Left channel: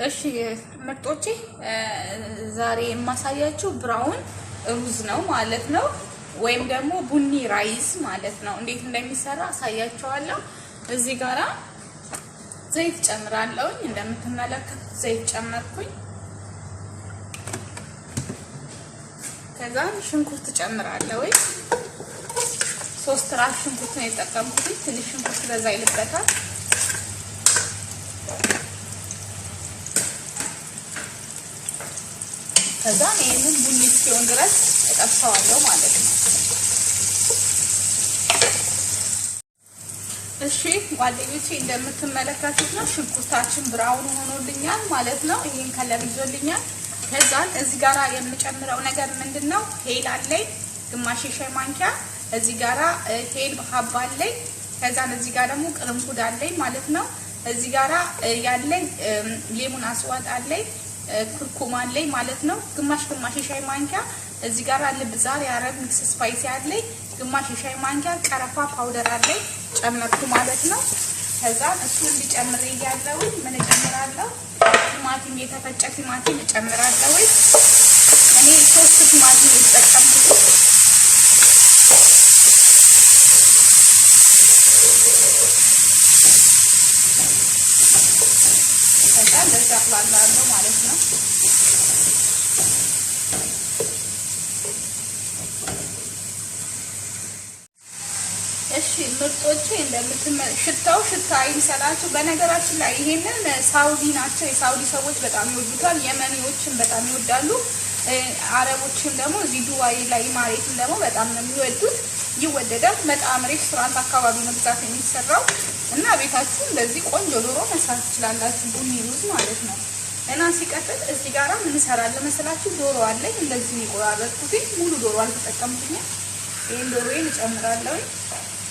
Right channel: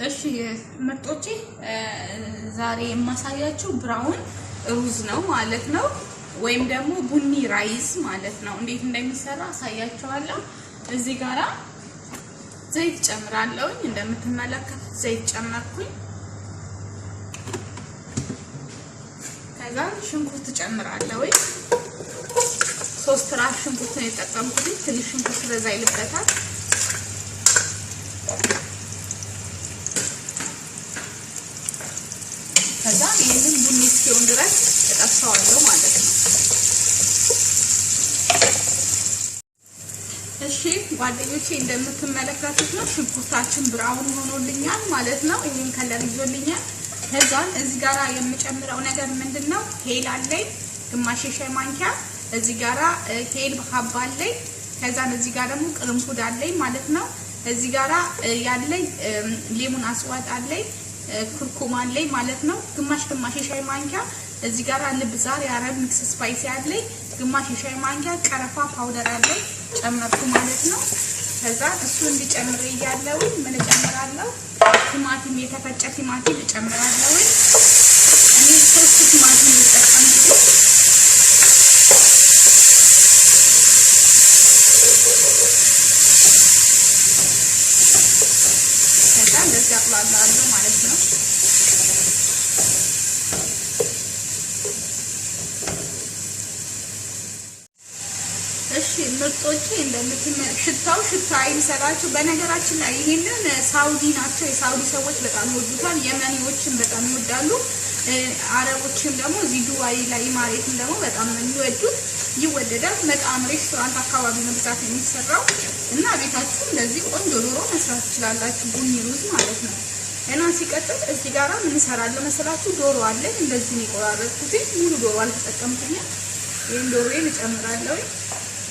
እሺ ምርጦቼ ዛሬ የማሳያችሁ ብራውን ሩዝ ነው ማለት ነው፣ ወይም ደግሞ ቡኒ ራይስ ማለት ነው። እንዴት እንደሚሰራ አሳያችኋለሁ። እዚህ ጋራ ዘይት ጨምራለሁ። እንደምትመለከቱት ዘይት ጨመርኩኝ። ከዛ ሽንኩርት ጨምራለሁ። 3 ራስ ሽንኩርት ነው የተጠቀምኩት። ትንሽ ሽንኩርት በዛ ይልበታል። ከዛ ይሄንን ቡኒ እስኪሆን ድረስ እጠብሰዋለሁ ማለት ነው። እሺ ጓደኞቼ እንደምትመለከቱት ነው ሽንኩርታችን ብራውን ሆኖልኛል ማለት ነው። ይሄን ከለር ይዞልኛል። ከዛ እዚህ ጋራ የምጨምረው ነገር ምንድነው? ሄል አለኝ ግማሽ ሻይ ማንኪያ። እዚህ ጋራ ሄል ሀባ አለኝ። ከዛ እዚህ ጋር ደግሞ ቅርንፉድ አለኝ ማለት ነው። እዚህ ጋራ ያለኝ ሌሙን አስዋጥ አለኝ፣ ኩርኩም አለኝ ማለት ነው። ግማሽ ሻይ ማንኪያ እዚህ ጋር ልብዛር የአረብ ሚክስ ስፓይሲ አለኝ። ግማሽ ሻይ ማንኪያ ቀረፋ ፓውደር አለኝ ጨመርኩ ማለት ነው። ከዛ እሱ እንዲጨምር እያለው ምን እጨምራለሁ? ቲማቲም፣ የተፈጨ ቲማቲም እጨምራለሁ። እኔ 3 ቲማቲም እጠቀምኩት። ከዛ እንደዛ አጥላለሁ ማለት ነው። እሺ ምርጦቼ እንደምትመለከቱት ሽታ ይሰራችሁ። በነገራችን ላይ ይሄንን ሳውዲ ናቸው፣ የሳውዲ ሰዎች በጣም ይወዱታል። የመኒዎችን በጣም ይወዳሉ። አረቦችን ደግሞ እዚህ ዱባይ ላይ ማሬትን ደግሞ በጣም ነው የሚወዱት። ይወደዳል። በጣም ሬስቶራንት አካባቢ ነው ብዛት የሚሰራው እና ቤታችሁ እንደዚህ ቆንጆ ዶሮ መስራት ትችላላችሁ፣ ቡኒ ሩዝ ማለት ነው። እና ሲቀጥል እዚህ ጋራ ምን እሰራለሁ መሰላችሁ? ዶሮ አለ እንደዚህ የሚቆራረጥኩት ሙሉ ዶሮ አልተጠቀምኩኝም። ይሄን ዶሮዬን እጨምራለሁ።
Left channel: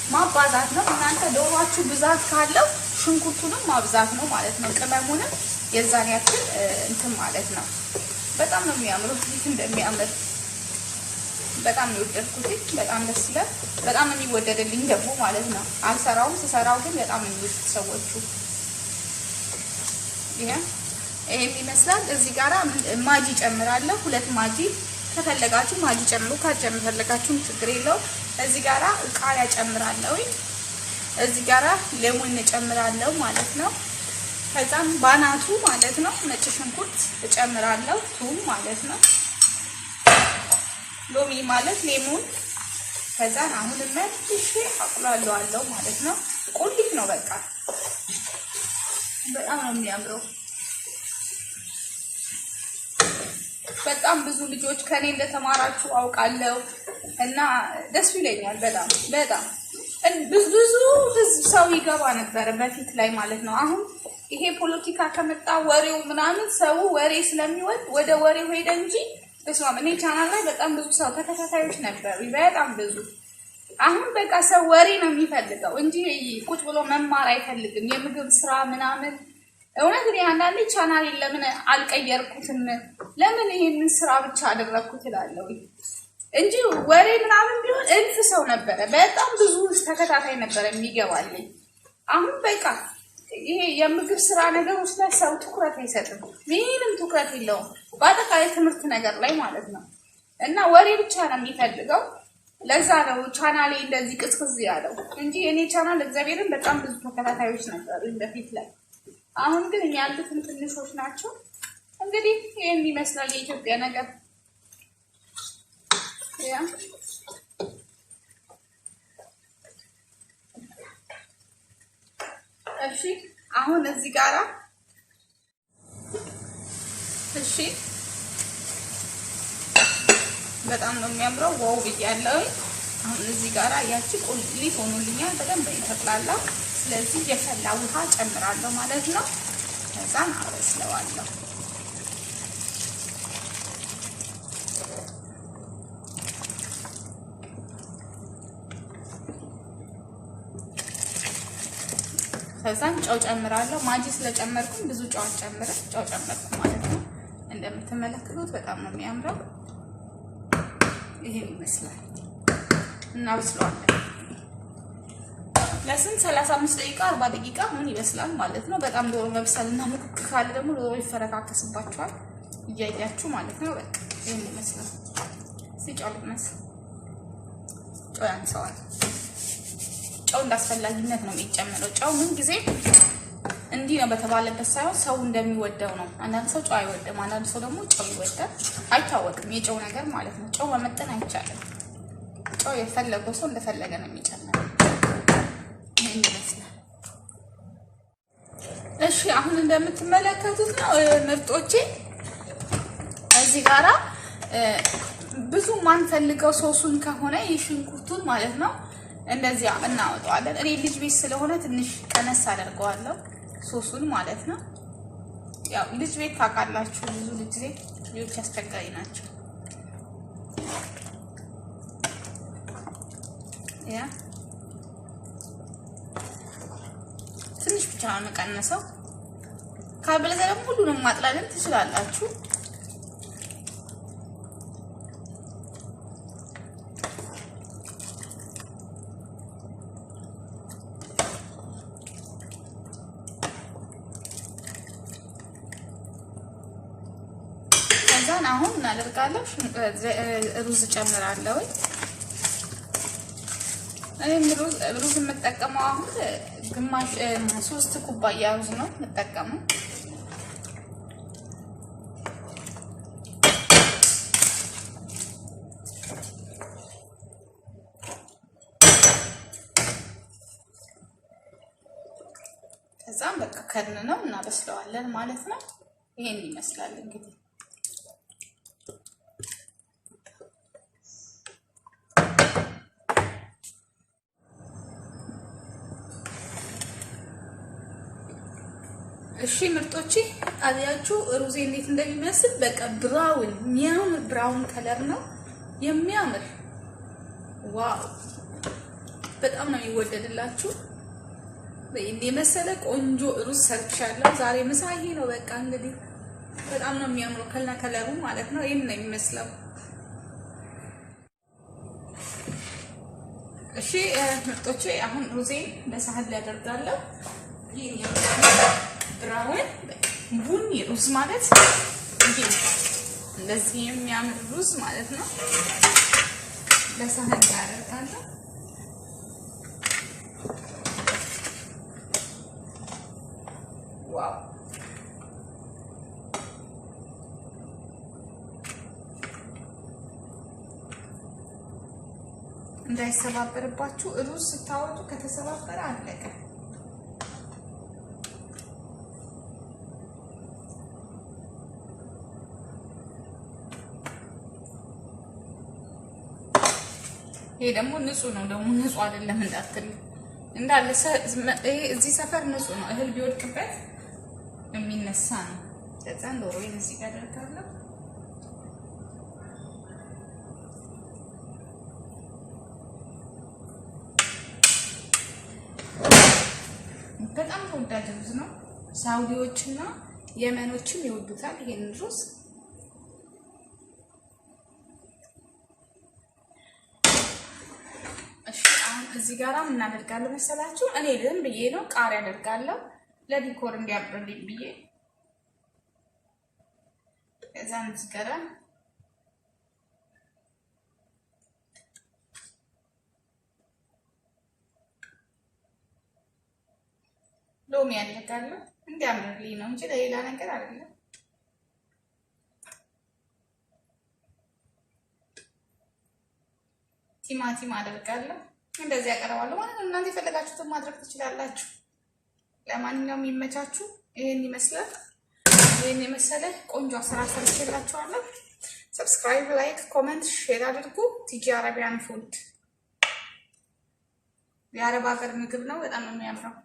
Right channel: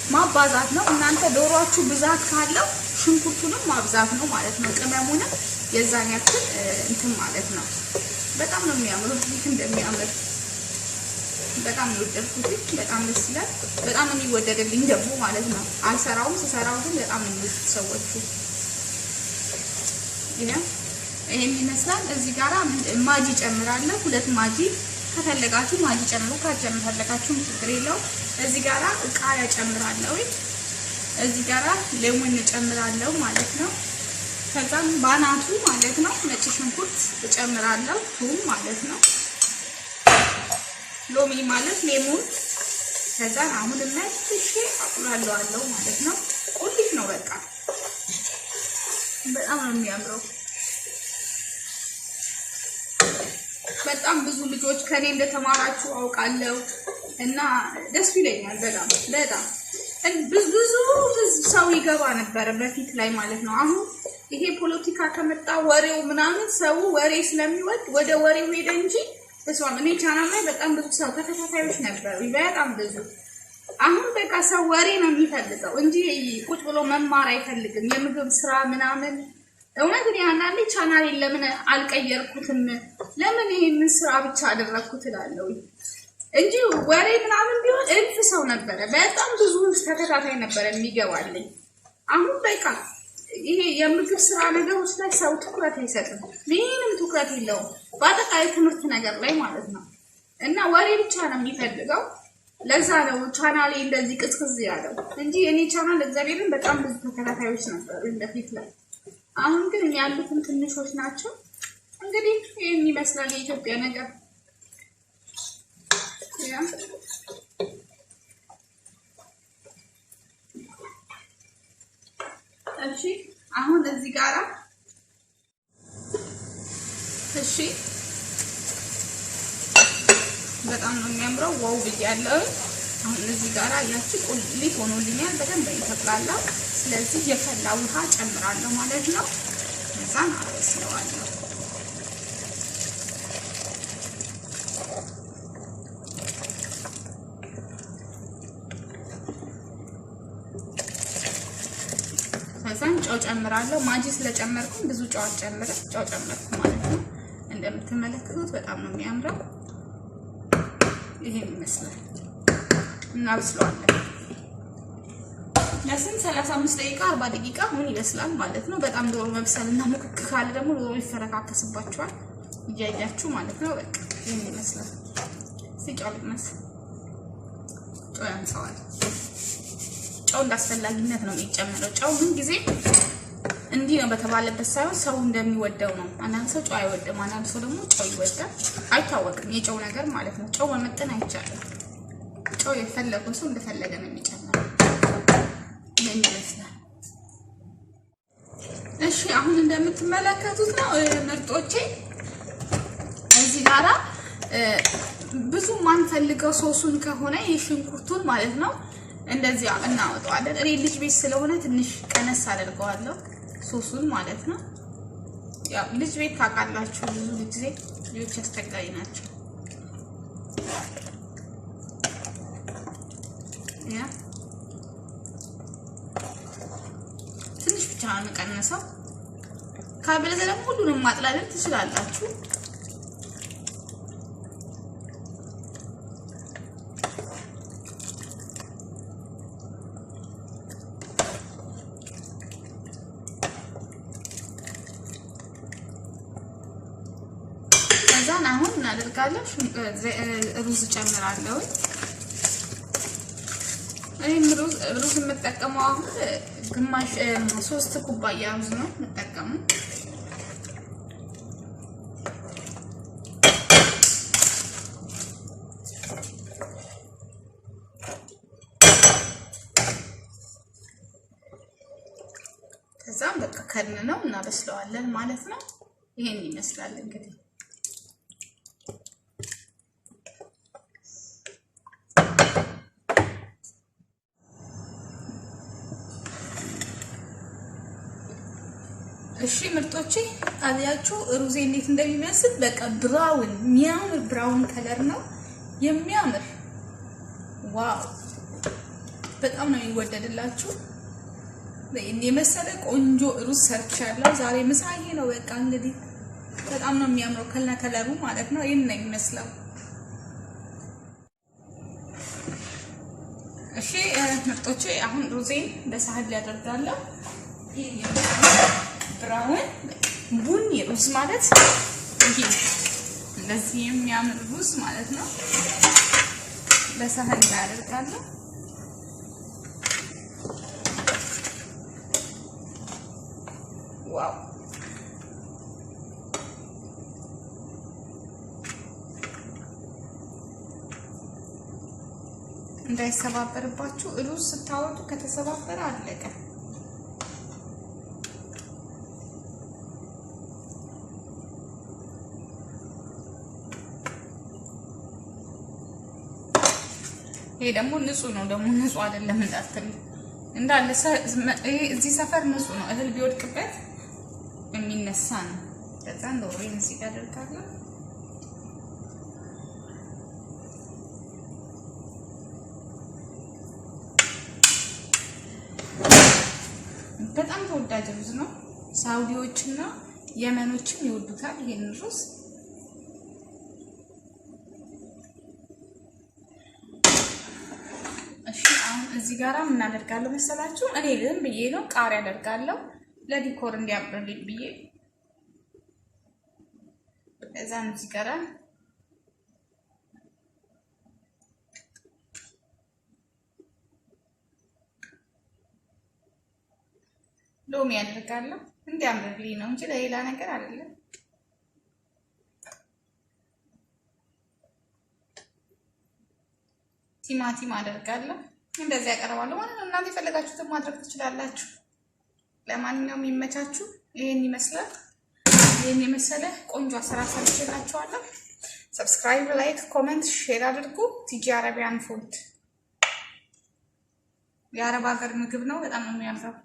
ማባዛት ነው። እናንተ ዶሮአችሁ ብዛት ካለው ሽንኩርቱንም ማብዛት ነው ማለት ነው። ቅመሙንም የዛን ያክል እንትን ማለት ነው። በጣም ነው የሚያምረው። እንደሚያምር በጣም ይወደድኩት። በጣም ደስ ይላል። በጣም ነው የሚወደድልኝ ደግሞ ማለት ነው። አልሰራውም፣ ስሰራው ግን በጣም ነው የሚወዱት ሰዎቹ። ይሄን ይመስላል። እዚህ ጋራ ማጂ ጨምራለሁ። 2 ማጂ ከፈለጋችሁ ማጂ ጨምሩ፣ ካልፈለጋችሁ ችግር የለውም። እዚህ ጋራ ቃሪያ ጨምራለሁ። እዚህ ጋራ ሌሞን ጨምራለሁ ማለት ነው። ከዛ ባናቱ ማለት ነው ነጭ ሽንኩርት ጨምራለሁ፣ ቱም ማለት ነው፣ ሎሚ ማለት ሌሞን። ከዛ አሁን ለትንሽ አቁላለዋለሁ ማለት ነው። ቁልፍ ነው በቃ። በጣም ነው የሚያምረው። በጣም ብዙ ልጆች ከኔ እንደተማራችሁ አውቃለሁ እና ደስ ይለኛል በጣም ብዙ ህዝብ ሰው ይገባ ነበር በፊት ላይ ማለት ነው። አሁን ይሄ ፖለቲካ ከመጣ ወሬው ምናምን ሰው ወሬ ስለሚወድ ወደ ወሬው ሄደ እንጂ እኔ ቻናል ላይ በጣም ብዙ ሰው ተከታታዮች ነበሩ፣ በጣም ብዙ። አሁን በቃ ሰው ወሬ ነው የሚፈልገው እንጂ ቁጭ ብሎ መማር አይፈልግም። የምግብ ስራ ምናምን እውነት እኔ አንዳንዴ ቻናሌን ለምን አልቀየርኩትም፣ ለምን ይሄንን ስራ ብቻ አደረኩት እላለሁ እንጂ ወሬ ምናምን ቢሆን እልፍ ሰው ነበረ፣ በጣም ብዙ ተከታታይ ነበረ የሚገባልኝ። አሁን በቃ ይሄ የምግብ ስራ ነገሮች ላይ ሰው ትኩረት አይሰጥም፣ ምንም ትኩረት የለውም፣ በአጠቃላይ ትምህርት ነገር ላይ ማለት ነው። እና ወሬ ብቻ ነው የሚፈልገው። ለዛ ነው ቻናሌ እንደዚህ ቅዝቅዝ ያለው እንጂ እኔ ቻናል እግዚአብሔርን በጣም ብዙ ተከታታዮች ነበሩ በፊት ላይ። አሁን ግን ያሉትን ትንሾች ናቸው። እንግዲህ ይሄን ይመስላል የኢትዮጵያ ነገር። እሺ አሁን እዚህ ጋራ እሺ በጣም ነው የሚያምረው። ዋው ብያለሁ። አሁን እዚህ ጋራ ያቺ ቁሊት ሆኖልኛል፣ በደንብ ይፈላል። ስለዚህ የፈላ ውሃ ጨምራለሁ ማለት ነው። ከዛ አበስለዋለሁ። ከዛም ጨው ጨምራለሁ። ማጂ ስለጨመርኩኝ ብዙ ጨው ጨመርኩ ማለት ነው። እንደምትመለከቱት በጣም ነው የሚያምረው። ይሄን ይመስላል። እናብስለዋለን። ለስንት 35 ደቂቃ 40 ደቂቃ ምን ይመስላል ማለት ነው። በጣም ዶሮ መብሰልና ምክክ ካለ ደግሞ ዶሮ ይፈረካከስባቸዋል እያያችሁ ማለት ነው። በቃ ይሄን ይመስላል። ሲጫልመስ ጨው ያንሰዋል። ጨው እንዳስፈላጊነት ነው የሚጨመረው። ጨው ምን ጊዜ እንዲህ ነው በተባለበት ሳይሆን ሰው እንደሚወደው ነው። አንዳንድ ሰው ጨው አይወድም፣ አንዳንድ ሰው ደግሞ ጨው ይወዳል። አይታወቅም የጨው ነገር ማለት ነው። ጨው መመጠን አይቻልም። ጨው የፈለገው ሰው እንደፈለገ ነው የሚጨምረው። ይሄን ይመስላል። እሺ አሁን እንደምትመለከቱት ነው ምርጦቼ። እዚህ ጋራ ብዙ ማንፈልገው ሶሱን ከሆነ የሽንኩርቱን ማለት ነው እንደዚህ እናወጣዋለን። እኔ ልጅ ቤት ስለሆነ ትንሽ ቀነስ አደርገዋለሁ ሶሱን ማለት ነው። ያው ልጅ ቤት ታውቃላችሁ፣ ብዙ ጊዜ ልጆች አስቸጋሪ ናቸው። ያ ትንሽ ብቻ ነው ቀነሰው። ካልበለዚያ ደግሞ ሁሉንም ማጥላለን ትችላላችሁ። አሁን እናደርጋለን ሩዝ ጨምራለሁ። እኔ ሩዝ የምጠቀመው አሁን ግማሽ 3 ኩባያ ሩዝ ነው የምጠቀመው። ከዛም በቃ ከድነው እናበስለዋለን ማለት ነው። ይሄን ይመስላል እንግዲህ። እሺ ምርጦቼ አብያችሁ ሩዜ እንዴት እንደሚመስል በቃ ብራውን የሚያምር ብራውን ከለር ነው የሚያምር። ዋው በጣም ነው የሚወደድላችሁ። በእኔ መሰለ ቆንጆ ሩዝ ሰርቻለሁ ዛሬ። ምሳዬ ነው በቃ እንግዲህ በጣም ነው የሚያምረው ከለሩ ማለት ነው። ይሄን ነው የሚመስለው። እሺ ምርጦቼ አሁን ሩዜን በሳህን ላይ አደርጋለሁ። ብራውን ቡኒ ሩዝ ማለት ይሄ እንደዚህ የሚያምር ሩዝ ማለት ነው። በሳህን ላይ አደርጋለሁ። ዋው እንዳይሰባበርባችሁ ሩዝ ስታወጡ ከተሰባበረ አለቀ። ይሄ ደግሞ ንጹህ ነው። ደግሞ ንጹህ አይደለም እንዳትል እንዳለ እዚህ ሰፈር ንጹህ ነው። እህል ቢወድቅበት የሚነሳ ነው። ከዛን ዶሮዬን እዚህ ጋር አደርጋለሁ። በጣም ተወዳጅ ሩዝ ነው። ሳውዲዎችና የመኖችም ይወዱታል ይሄን ሩዝ። እዚህ ጋራ ምን አደርጋለሁ መሰላችሁ? እኔ ዝም ብዬ ነው ቃሪያ አደርጋለሁ ለዲኮር እንዲያምርልኝ ብዬ። እዛም እዚህ ጋራ ሎሚ አደርጋለሁ እንዲያምርልኝ ነው እንጂ ለሌላ ነገር አይደለም። ቲማቲም አደርጋለሁ። እንደዚህ ያቀርባለሁ ማለት ነው። እናንተ የፈለጋችሁትን ማድረግ ትችላላችሁ። ለማንኛውም ይመቻችሁ። ይሄን ይመስላል። ይሄን የመሰለ ቆንጆ አሰራር ሰርቼላችኋለሁ። ሰብስክራይብ፣ ላይክ፣ ኮሜንት፣ ሼር አድርጉ። ቲጂ አረቢያን ፉድ የአረብ ሀገር ምግብ ነው። በጣም ነው የሚያምረው።